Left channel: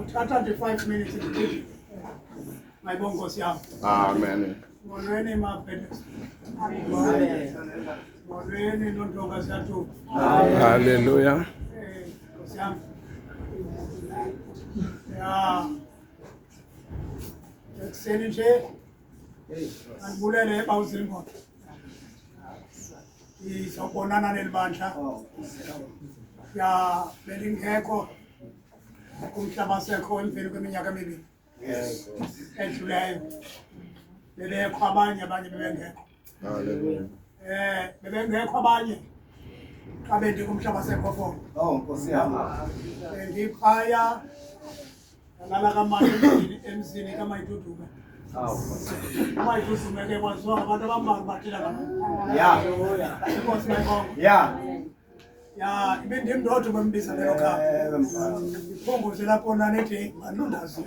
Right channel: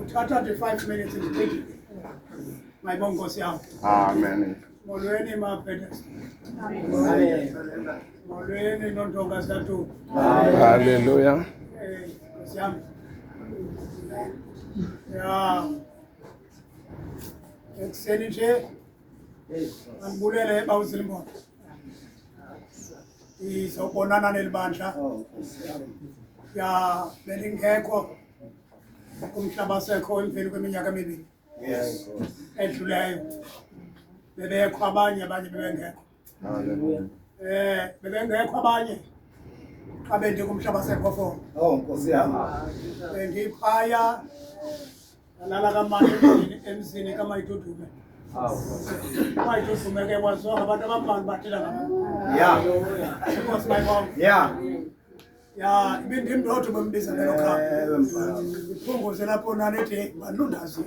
Uthatha nje 5 minutes nje. Mayibonge Nkosi yami. Amen. Molweni maphethes. Amen. Molweni nontonga zathu. Hallelujah. Nkosi yami. Ya. Ekseni nje. Andibulele bawuzilimbono. Izobonana nelibandla. Ya belingekho kumhlaba sekho emveni kweminyaka emibili. Yes. Edluleyo. Bebekho abanye bebengekho. Hallelujah. Bebengekho abanye xa bendi kumhlaba sekho fo. Oh, Nkosi yami. Bendiphaya nalala kamali emzini kaMayidudume. Mayidudume ke kwazonke abantu abambalwa bathela ngalo. Yeah. Inkosi mayibonge. Yeah. Ya ibindimndodo bembiza lelo khapha. Iphunguze lapho nanethi malundazi.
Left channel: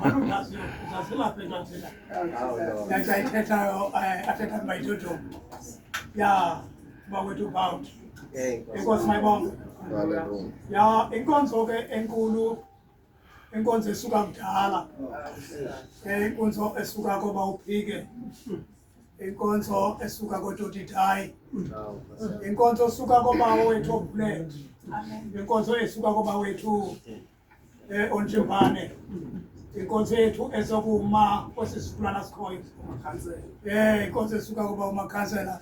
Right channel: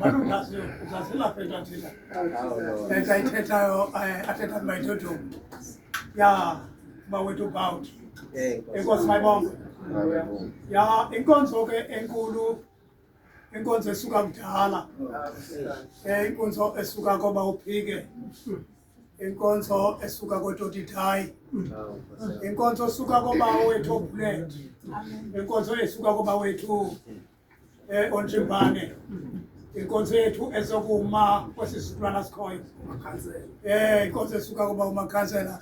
Malundazi uzasilapha entatela. Ndayithethayo athetha Mayidudume. Ya bawethu about. Inkosi mayibonge. Hallelujah. Ya inkonzo ke enkulu inkonzo esuka kudala. Inkonzo esuka koba uphike. Inkonzo esuka koTotithai. Inkonzo esuka koba wethu Bulet. Inkonzo esuka koba wethu Onjimbane. Inkonzo yethu esokuma kwesisikulwana sikhoyo. Inkonzo esuka koba umakhansela.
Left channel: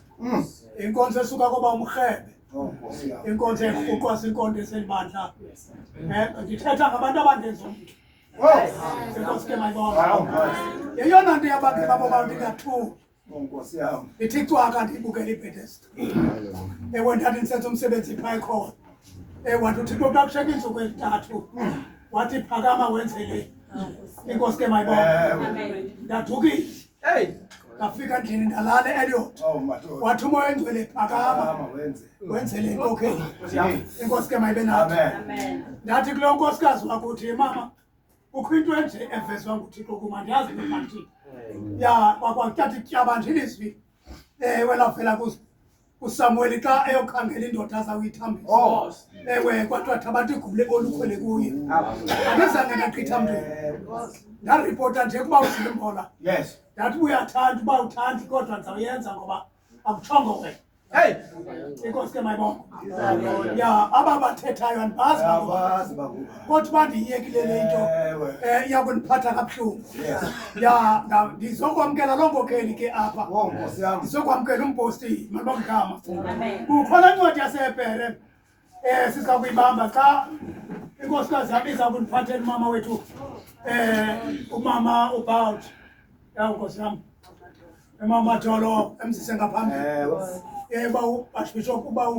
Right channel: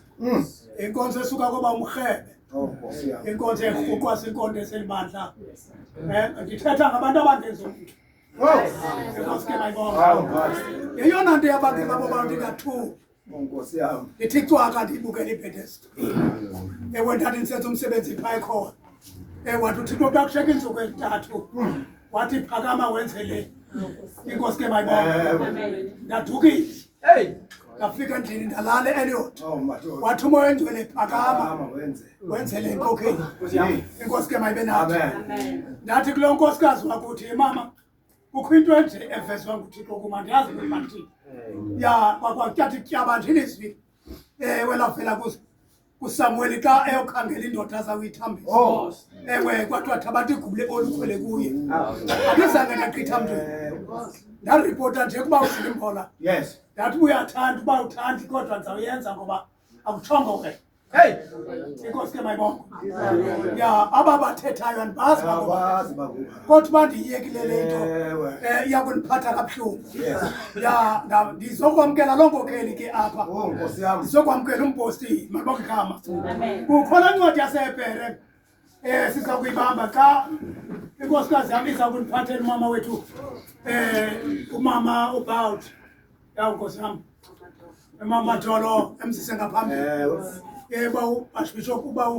Inkonzo esuka koba umrhebe. Inkonzo ehuqwa sinkonzo eselibandla. Ndithetha ngabantu abangenza umuntu. Inkosi ke mayibonge. Yeyona nto yabantu babo bantu ingathu. Nkosi yami. Ithi cwaka ndibukele iBethesda. Ewe ndathi ndisenza umsebenzi phaya khona. Wathi uThixo xa kusheka iintsuku ezintathu. Wathi phakama wenze le. Inkosi ke mayibonge. Ndadukile. Ndafika endlini ndalala eEliot. Wathi umoya engcwele phakama. Wenze le nkokheli. Inkosi ke mayibe nathi. Ndathi kuloo nkosikazi wakuthi mama kukho into enje evezwe nguThixo kuma ndiyazi ukuthi mandithini. Ya kwakwathi tyaba nje ilizwi welavela kuSamuel xa eyokhangela indoda azawuyithambisa. Ewe kwathiwa thabatha igubule olukhwele kuye. Andizange ndagqitha mntu. Ndaripota nje kuba uzilimbola. Yes. Ndathi uyathanda uba uthandi kodwa ndizawuyenza ngoba akuthongo wena. Inkosi ke mayibonge. Ya aba bathethayo andibazi ngoba kodwa bandiyekile le nto iyakundiphatha kabuhlungu. Ya ndizokwamkela loo nkokheli ke apha. Ndizokwamkela umposti mayibonge igama. Kukhona incwadi yaseHebhere siza kuyibamba xa inkosikazi yam iza kundiphathela umama wethu umama About. Ya nkosi yam. Umama Jolo emsise ngaphambili. Uba uArchbishop uba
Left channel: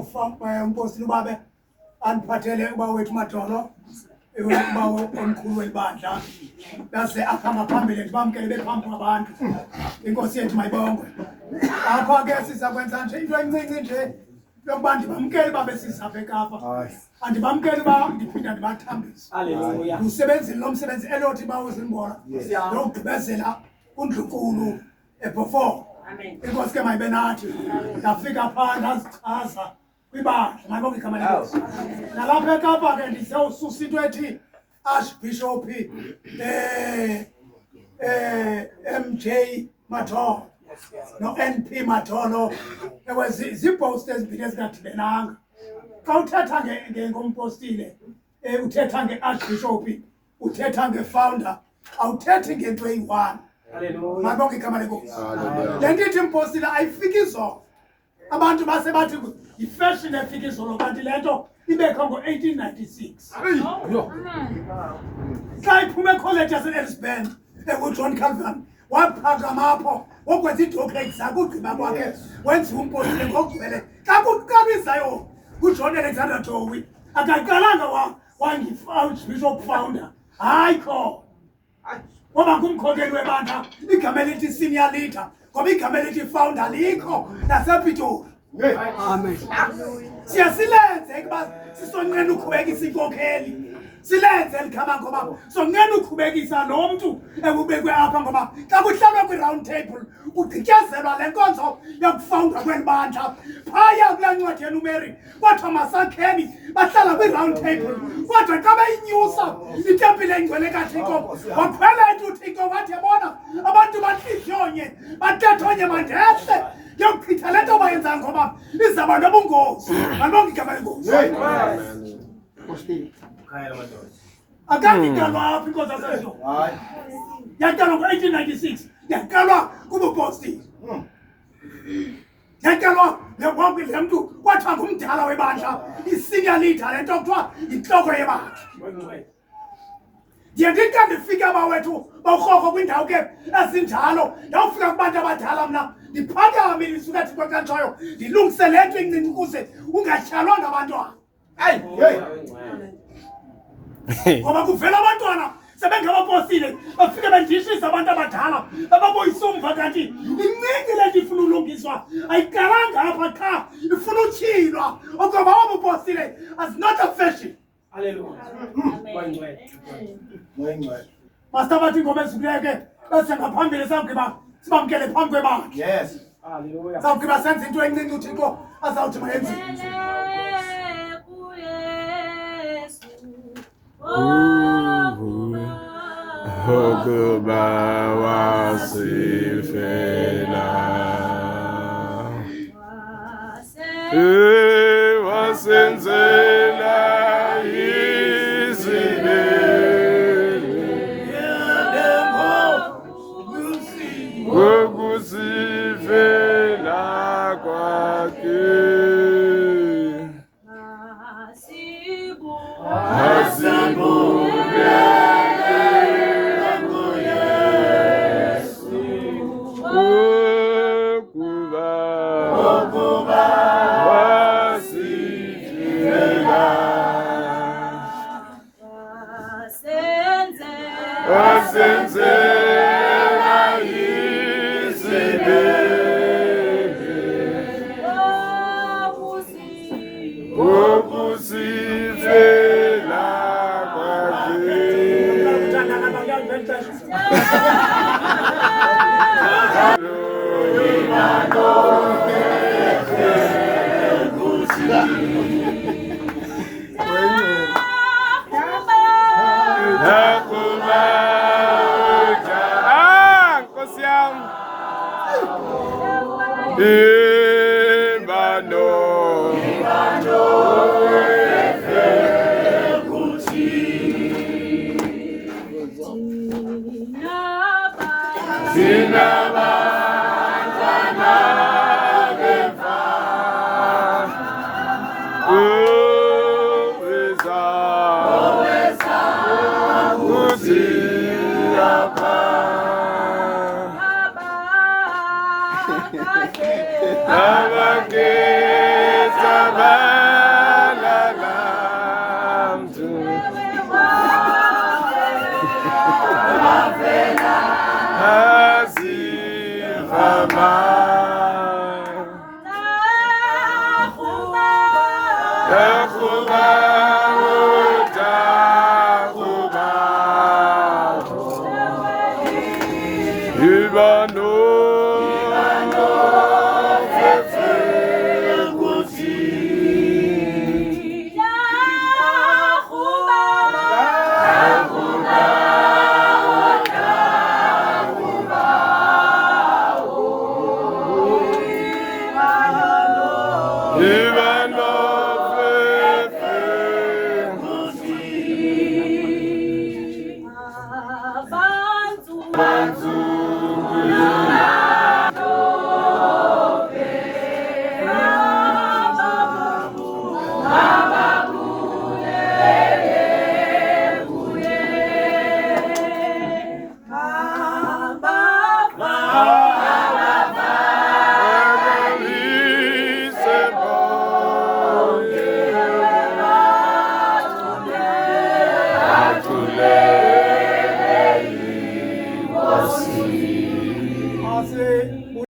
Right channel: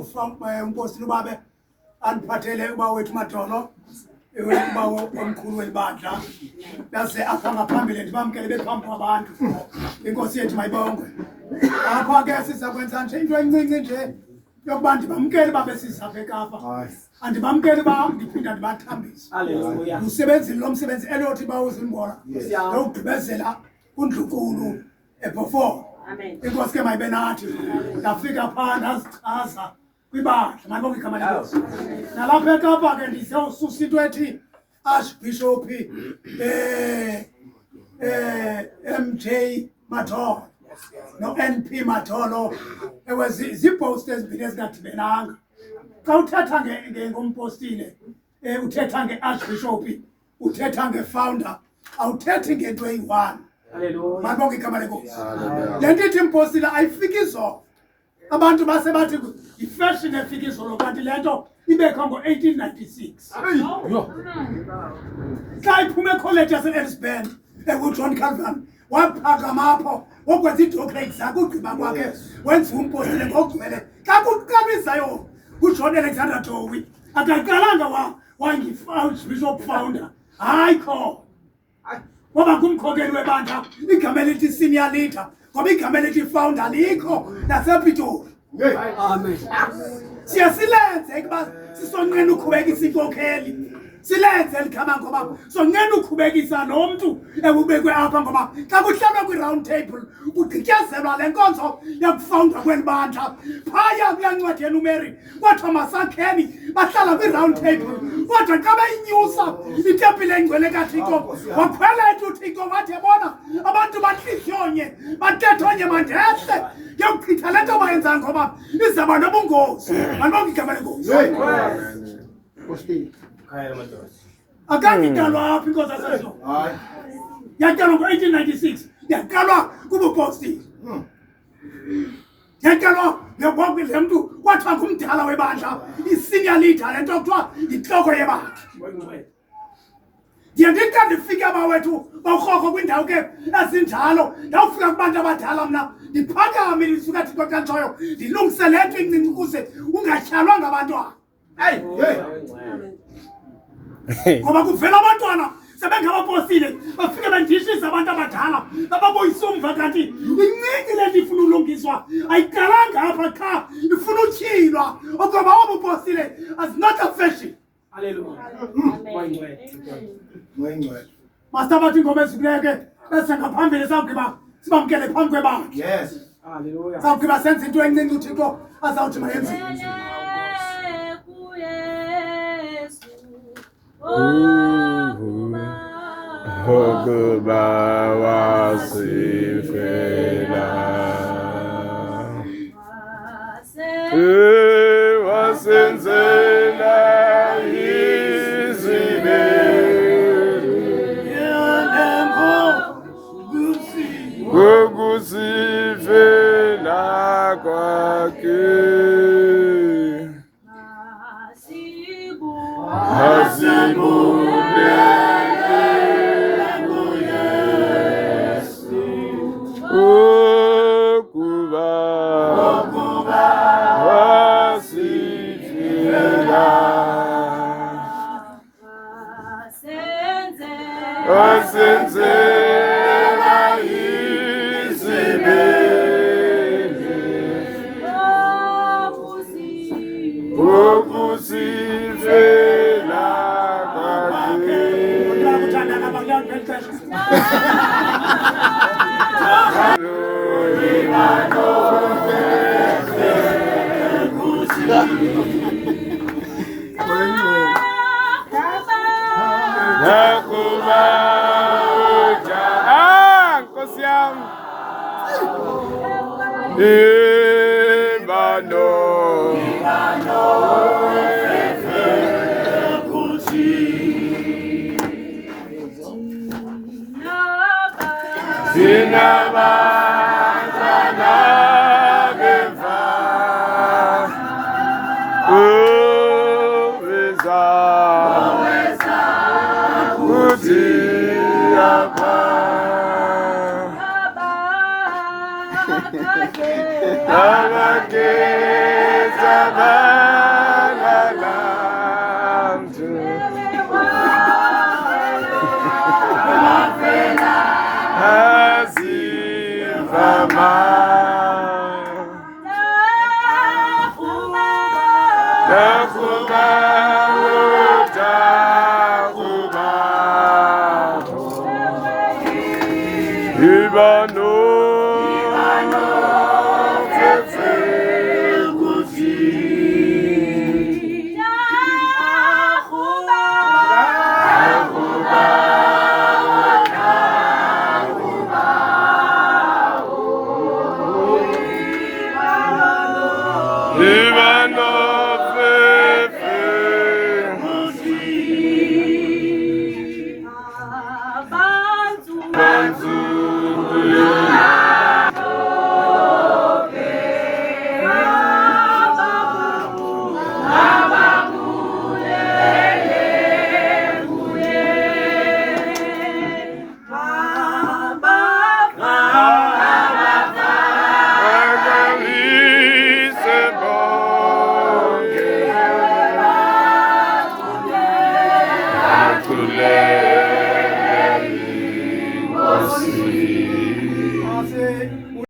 umposti ubabe andiphathele uba wethu Madolo uba omkhulu welibandla base apha ngaphambili ndibamkele bephambi kwabantu. Inkosi yethu mayibonge. Apha ke siza kwenza nje into encinci nje yokuba ndibamkele babe sizapha eKapa. Andibamkele uba ndiphinda ndibathambise. Haleluya. Umsebenzi lo msebenzi elothi bawuzimbona. Lokugqibezela uNdlunkulu eBhofolo. Inkosi ke mayibe nathi. Ndafika phaa ndazichaza kwibandla mayibonge igama lenkosi. Nalapha eKapa ke ndizawususa into ethi Archbishop MJ Matolo no NP Matolo. Ewe zipost ezibini ezingadibenanga. Xa uthetha ngompostile uthetha ngeArchbishop uthetha ngefounder awuthethi ngento eyi-1. Hallelujah. Mayibonge igama lenkosi. Le nto ithi impostile ayifiki izolo. Abantu base bathi yifashion efika izolo kanti le nto ibekho ngo-1896. Xa iphume ekholeji yaseElisburn uJohn Calvin waphakama apho wokwenza iidoctorate zakhe ugqiba kwakhe wenza umpostile ngokugcwele. Xa kuqabizayo uJohn Alexander Dowie akaqalanga wangi-Archbishop founder. Hayi khona. Ngoba ngumkhokeli webandla igama elithi senior leader ngoba igama elithi founder likho nasePitoli. Amen. Siyasilenze ukuba sisonqena uqhubekisa inkokheli silenze likhama ngoba so ngene ukhubekisa lo muntu ebubekwe apha ngoba xa kuhlalwa kwi-round table kugqityezelwa le nkonzo yokufawundwa kwelibandla phaya kulaa ncwadi yeNumeri kwathiwa masakheni bahlala kwi-round table kodwa xa beyinyusa itempile engcwele kaThixo wakhwela into uThixo wathi yabona abantu batlihlonye batethonye mandehle yokuchitha le nto bayenzayo ngoba izaba nobungozi malibonke igama lengozi akangikalwa apha inkosi yasezo yakalwa ngo-1896 yakalwa kubupostile yakalwa le mntu kwathiwa ngumdala webandla i-senior leader le nto kuthiwa yintloko yebandla ndiye ndithi xa ndifika bawethu bawurhorho kwindawo ke ezinjalo ndawufika kubantu abadala mna ndiphakame ndisuka Thixo xa ntshoyo ndilungise le nto incinci ukuze ungatyhalwa ngabantwana hayi ngoba kuvela abantwana sebengabapostile bafike bendishisa abantu abadala bababuyisa umva kanti incinci le nto ifuna ulungiswa ayiqalanga apha qha ifuna utyhilwa okoba wabupostile as not a fashion. Hallelujah. Master bathi ngoba esibuleyo ke bese ngaphambili sawugqiba sibamkele phambi kwebandla. Yes. Hallelujah. Sawugqiba senze into encinci uThixo azawuthi mayenziwe. Okuba wasifela wasenzela ukusifela kwakhe hasibulele kuYesu ukuba wasifela wasenzela ukusifela kwakhe nakuba Nkosi yami ibano sinabantwana bemva oweza kuthi apha abakhetha balala mntu azivama takuba utakuba ibano